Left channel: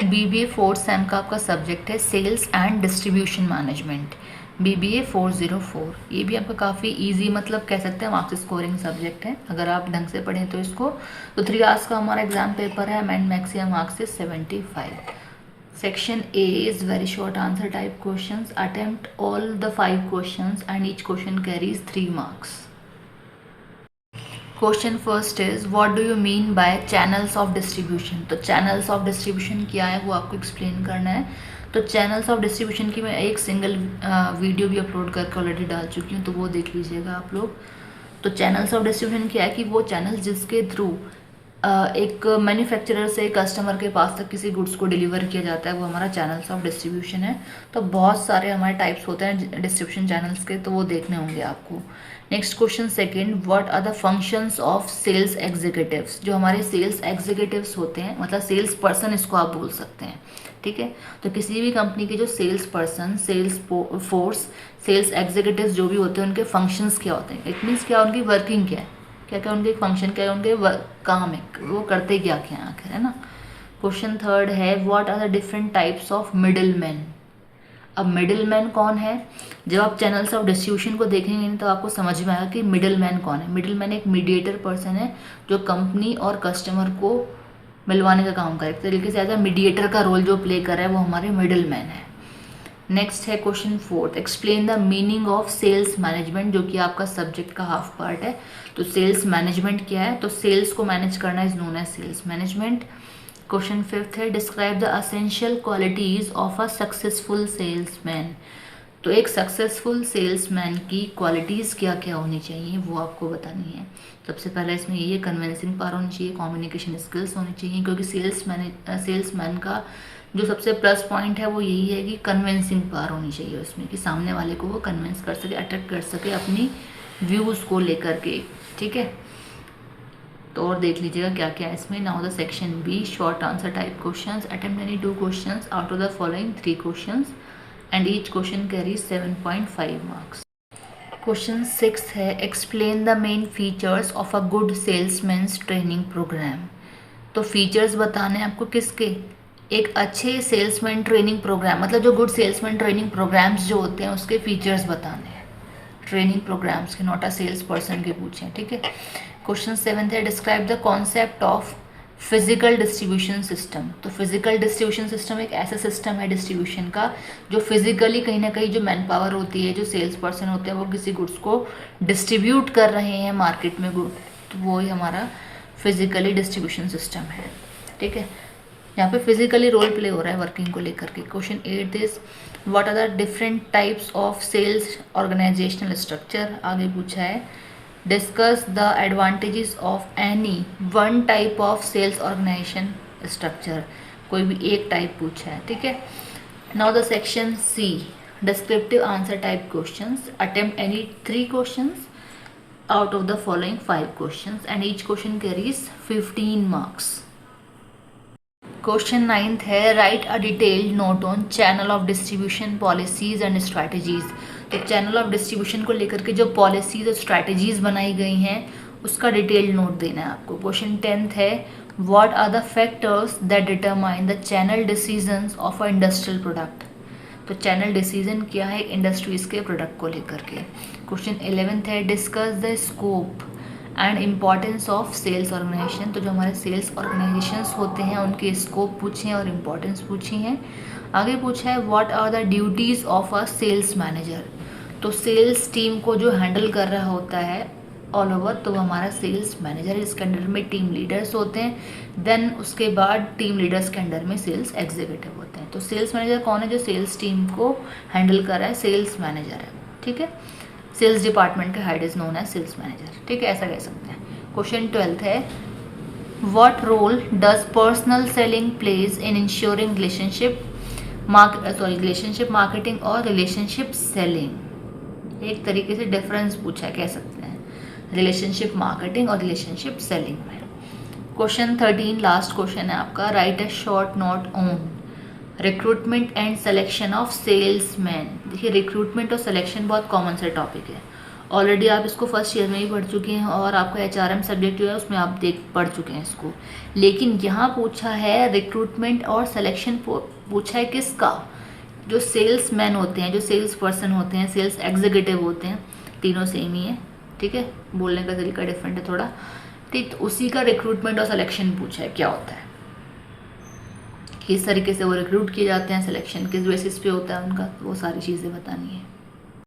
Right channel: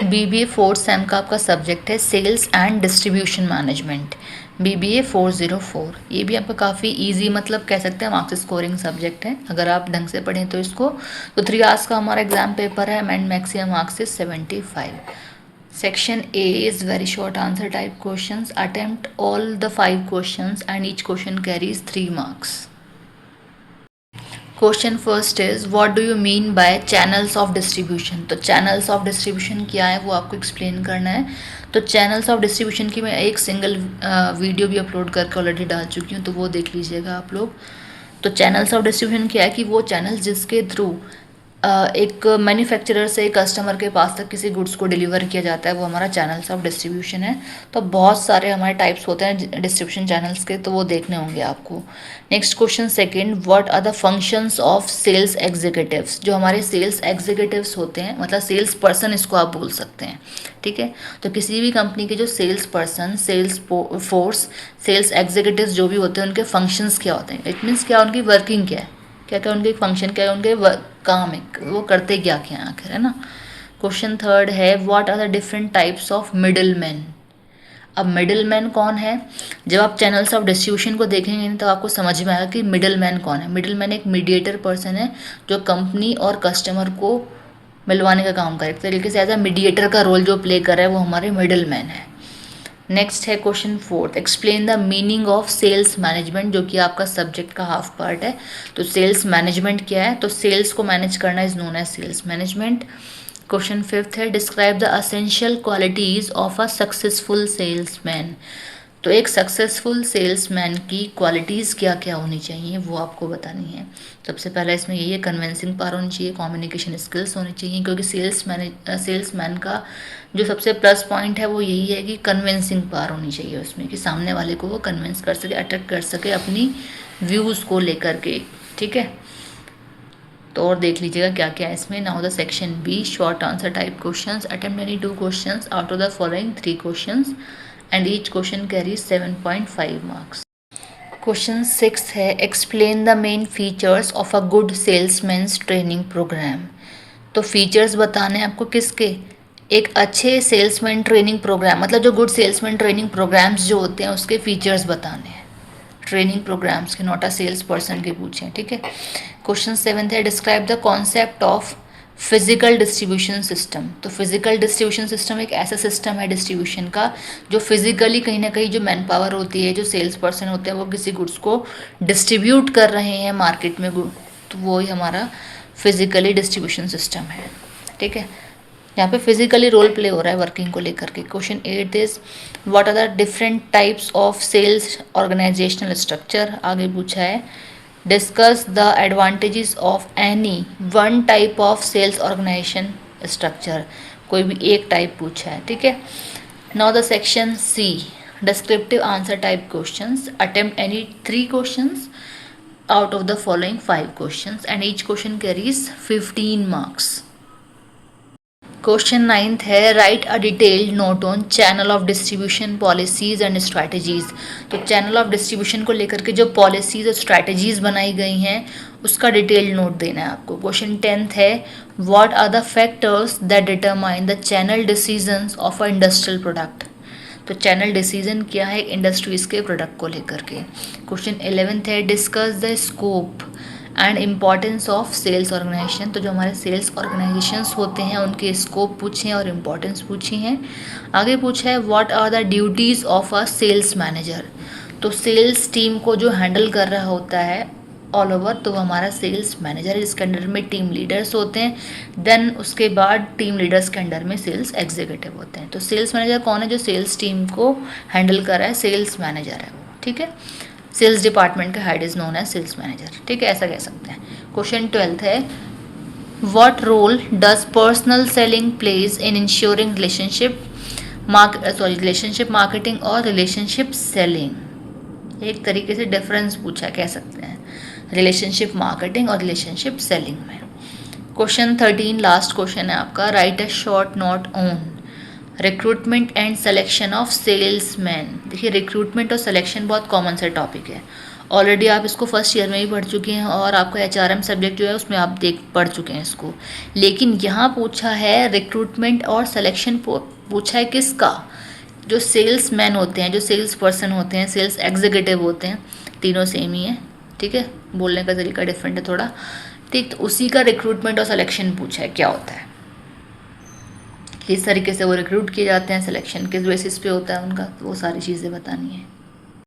BBA fourth same का आपका subject है sales and distribution management, BBA 404। ये भी आपका काफ़ी इजी मतलब कह सकते हैं मार्क्स स्कोरिंग सब्जेक्ट है अगर आप ढंग से पढ़ें तो इसको। तो 3 आवर्स का हमारा एग्जाम पेपर है and maximum marks is 75। Section A is very short answer type questions, attempt all the 5 questions and each question carries 3 marks. Question first is what do you mean by channels of distribution. तो channels of distribution क्या है वो आपको explain करना है। तो channels of distribution की मैं एक सिंगल वीडियो भी अपलोड करके ऑलरेडी डाल चुकी हूँ, तो वो देख लीजिएगा आप लोग। तो चैनल्स ऑफ डिस्ट्रीब्यूशन क्या है कि वो चैनल्स जिसके थ्रू एक मैन्युफैक्चरर से कस्टमर के पास तक किसी गुड्स को डिलीवर किया जाता है, वो हमारा चैनल्स ऑफ डिस्ट्रीब्यूशन है। तो बहुत सारे हमारे टाइप्स होते हैं डिस्ट्रीब्यूशन चैनल्स के, तो वो देखने होंगे आपको। Next question second, what are the functions of sales executives. जो हमारे सेल्स एग्जीक्यूटिव्स होते हैं मतलब सेल्स पर्सन इसको आप बोल सकते हैं, ठीक है। तो किसी भी कंपनी के जो sales person, sales force, sales executives जो भी होते हैं उनके फंक्शंस क्या होते हैं, इट मीन्स क्या उनकी वर्किंग क्या है, क्या क्या उनके फंक्शन क्या है, उनके काम है, वो करते क्या क्या आखिर, है ना। क्वेश्चन थर्ड है what are the different types of middleman. अब मिडिल मैन कौन है, जब आप चैनल्स ऑफ डिस्ट्रीब्यूशन को देखेंगे तो आपको समझ में आएगा कि मिडिल मैन कौन है। मिडिल मैन एक मीडिएटर पर्सन है जो कंपनी और कस्टमर को मिलवाने का काम करे, एक तरीके से एज अ मीडिएटर का रोल जो प्ले कर रहा है वो हमारे मिडिल मैन है। नेक्स्ट है question fourth, explain the meaning of sales management, जो कि आपका सब्जेक्ट का हाफ पार्ट है। तो सेल्स मैनेजमेंट क्या है, तो सेल्स को मैनेज करना is known as sales management. Question fifth है describe the essential qualities of a successful salesman. तो एक सक्सेसफुल सेल्समैन की क्वालिटीज़ क्या क्या होनी चाहिए वो आपको बतानी है। सबसे पहला इसमें यही है कन्विंसिंग पावर होनी चाहिए, कम्युनिकेशन स्किल्स होनी चाहिए, क्योंकि सेल्समैन का जो सबसे प्लस पॉइंट है वो यही है कि कन्विंसिंग पावर होनी चाहिए उसमें, कि सामने वाले को वो कन्विंस कर सके, अट्रैक्ट कर सके अपनी व्यूज़ को लेकर के, ठीक है। तो और देख लीजिएगा क्या क्या है इसमें। Now the section B, short answer type questions, attempt any 2 questions out of the following 3 questions and each question carries 7.5 marks. Question 6 है explain the main features of a good salesman's training program. तो features बताने हैं आपको किसके, एक अच्छे salesman training programme, मतलब जो गुड सेल्समैन ट्रेनिंग प्रोग्राम्स जो होते हैं उसके फीचर्स बताने हैं, ट्रेनिंग प्रोग्राम्स के, नॉट अ सेल्स पर्सन के पूछे, ठीक है। क्वेश्चन 7 है describe the concept of physical distribution system. तो फिजिकल डिस्ट्रीब्यूशन सिस्टम एक ऐसा सिस्टम है डिस्ट्रीब्यूशन का जो फिजिकली कहीं ना कहीं जो मैन पावर होती है, जो सेल्स पर्सन होते हैं वो किसी गुड्स को डिस्ट्रीब्यूट कर रहे हैं मार्केट में गुड, तो वो ही हमारा फिजिकली डिस्ट्रीब्यूशन सिस्टम है, ठीक है। यहाँ पे फिजिकली रोल प्ले हो रहा है वर्किंग को लेकर के। Question 8 is what are the different types of sales organisational structure. आगे पूछा है discuss the advantages of any one type of sales organisation structure, कोई भी एक टाइप पूछा है, ठीक है। Now the section C, descriptive answer type questions, attempt any 3 questions out of the following 5 questions and each question carries 15 marks. Question 9 है right a detailed note on channel of distribution policies and strategies. तो channel of distribution को लेकर के जो policies और strategies बनाई गई हैं उसका डिटेल्ड नोट देना है आपको। क्वेश्चन 10 है what are the factors that determine the channel decisions of a industrial product. तो चैनल डिसीजन क्या है इंडस्ट्रीज के प्रोडक्ट को लेकर के। क्वेश्चन 11 है discuss the scope and importance of sales organisation. तो जो हमारे सेल्स ऑर्गेनाइजेशंस होते हैं उनके स्कोप पूछे हैं और इम्पॉर्टेंस पूछी हैं। आगे पूछा है what are the duties of a sales manager. तो सेल्स टीम को जो हैंडल कर रहा होता है ऑल ओवर, तो वो हमारा सेल्स मैनेजर है, जिसके अंडर में टीम लीडर्स होते हैं। देन उसके बाद टीम लीडर्स के अंडर में सेल्स एग्जीक्यूटिव होते हैं। तो सेल्स मैनेजर कौन है, जो सेल्स टीम को हैंडल कर रहा है, सेल्स मैनेजर है, ठीक है। सेल्स डिपार्टमेंट का head is known as sales manager, ठीक है, ऐसा कह सकते हैं। क्वेश्चन 12 है what role does personal selling plays in insuring relationship marketing और रिलेशनशिप सेलिंग। एक तरीके से डिफरेंस पूछा कह सकते हैं रिलेशनशिप मार्केटिंग और रिलेशनशिप सेलिंग में। क्वेश्चन 13 लास्ट क्वेश्चन है आपका, right a short note on recruitment and selection of salesman. देखिए रिक्रूटमेंट और सिलेक्शन बहुत कॉमन सा टॉपिक है ऑलरेडी आप इसको फर्स्ट ईयर में ही पढ़ चुके हैं और आपका HRM सब्जेक्ट जो है उसमें आप पढ़ चुके हैं इसको। लेकिन यहाँ पूछा है रिक्रूटमेंट और सिलेक्शन पूछा है किसका, जो सेल्स मैन होते हैं, जो सेल्स पर्सन होते हैं, सेल्स एग्जीक्यूटिव होते हैं, तीनों सेम ही है, ठीक है, बोलने का तरीका डिफरेंट है थोड़ा, ठीक। तो उसी का रिक्रूटमेंट और सिलेक्शन पूछा है क्या होता है, किस तरीके से वो रिक्रूट किए जाते हैं, सिलेक्शन किस बेसिस पे होता है उनका, वो सारी चीज़ें बतानी है।